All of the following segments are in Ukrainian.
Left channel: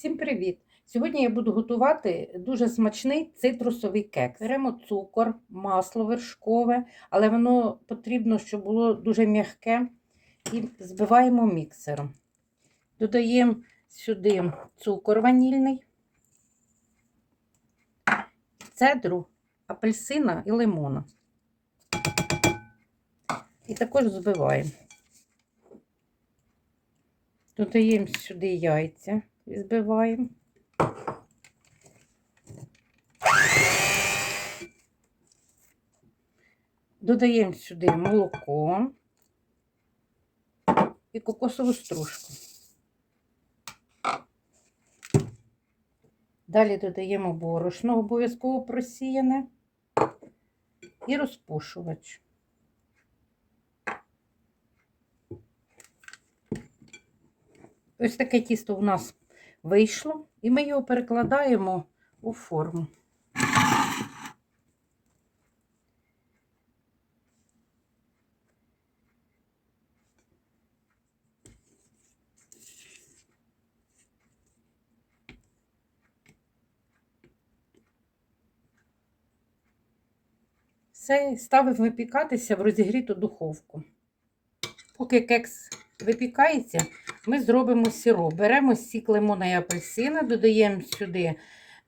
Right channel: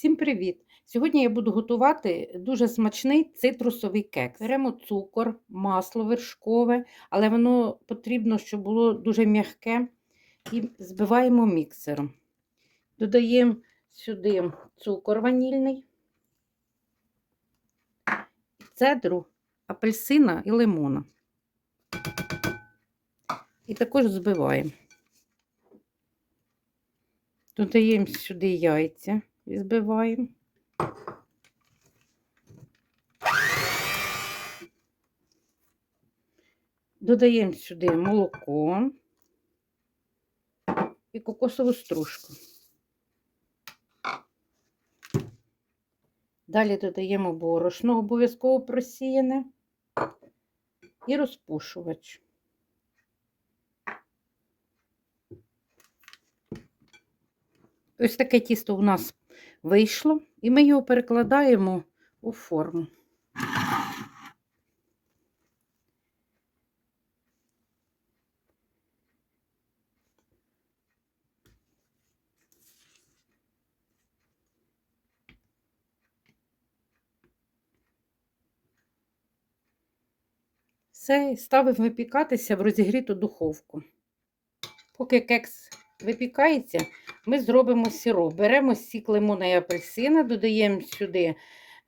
Всім привіт! Сьогодні я буду готувати дуже смачний цитрусовий кекс. Беремо цукор, масло вершкове, але воно потрібно, щоб було дуже м'яке. І збиваємо міксером. Додаємо сюди цукор ванільний, цедру, апельсина і лимона. І також збиваємо. Додаємо сюди яйця і збиваємо. Додаємо сюди молоко і кокосову стружку. Далі додаємо борошно, обов'язково просіяне і розпушувач. Ось таке тісто у нас вийшло, і ми його перекладаємо у форму. Все ставимо випікатися в розігріту духовку. Поки кекс випікається, ми зробимо сироп. Беремо сік лимона і апельсина, додаємо сюди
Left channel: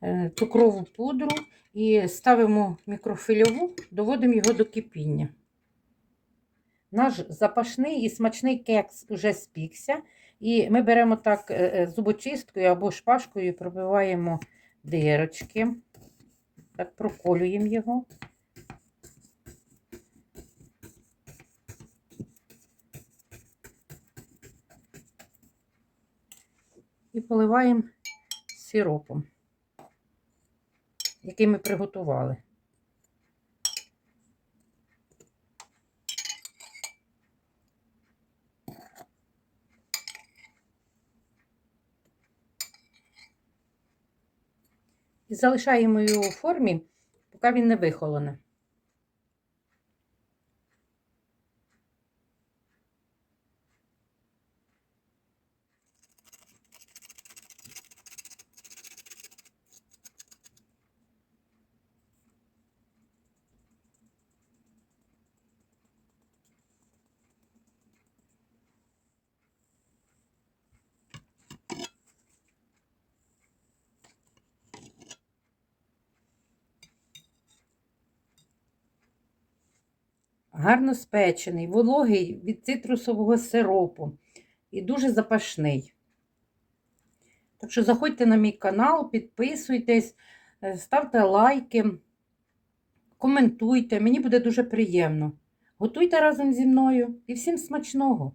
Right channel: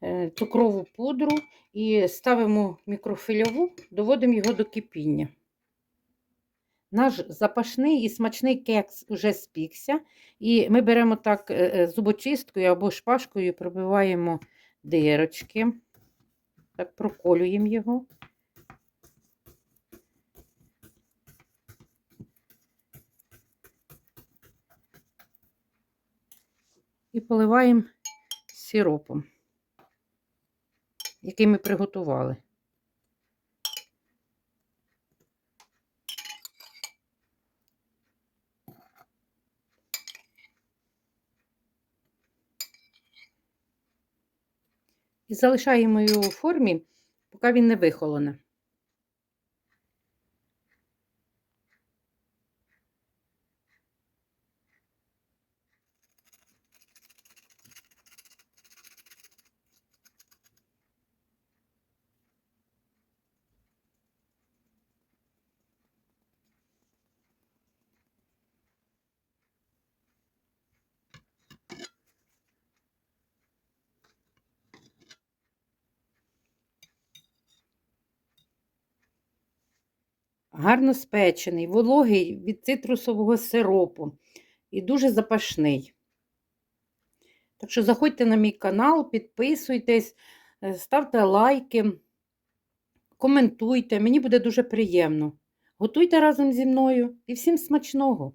е, цукрову пудру і ставимо мікрофильову, доводимо його до кипіння. Наш запашний і смачний кекс вже спікся. І ми беремо так е, е, зубочисткою або шпажкою пробиваємо дирочки, так проколюємо його. І поливаємо сиропом, який ми приготували. І залишаємо його у формі, поки він не вихолоне. Гарно спечений, вологий від цитрусового сиропу і дуже запашний. Так що заходьте на мій канал, підписуйтесь, е, ставте лайки, коментуйте, мені буде дуже приємно. Готуйте разом зі мною і всім смачного!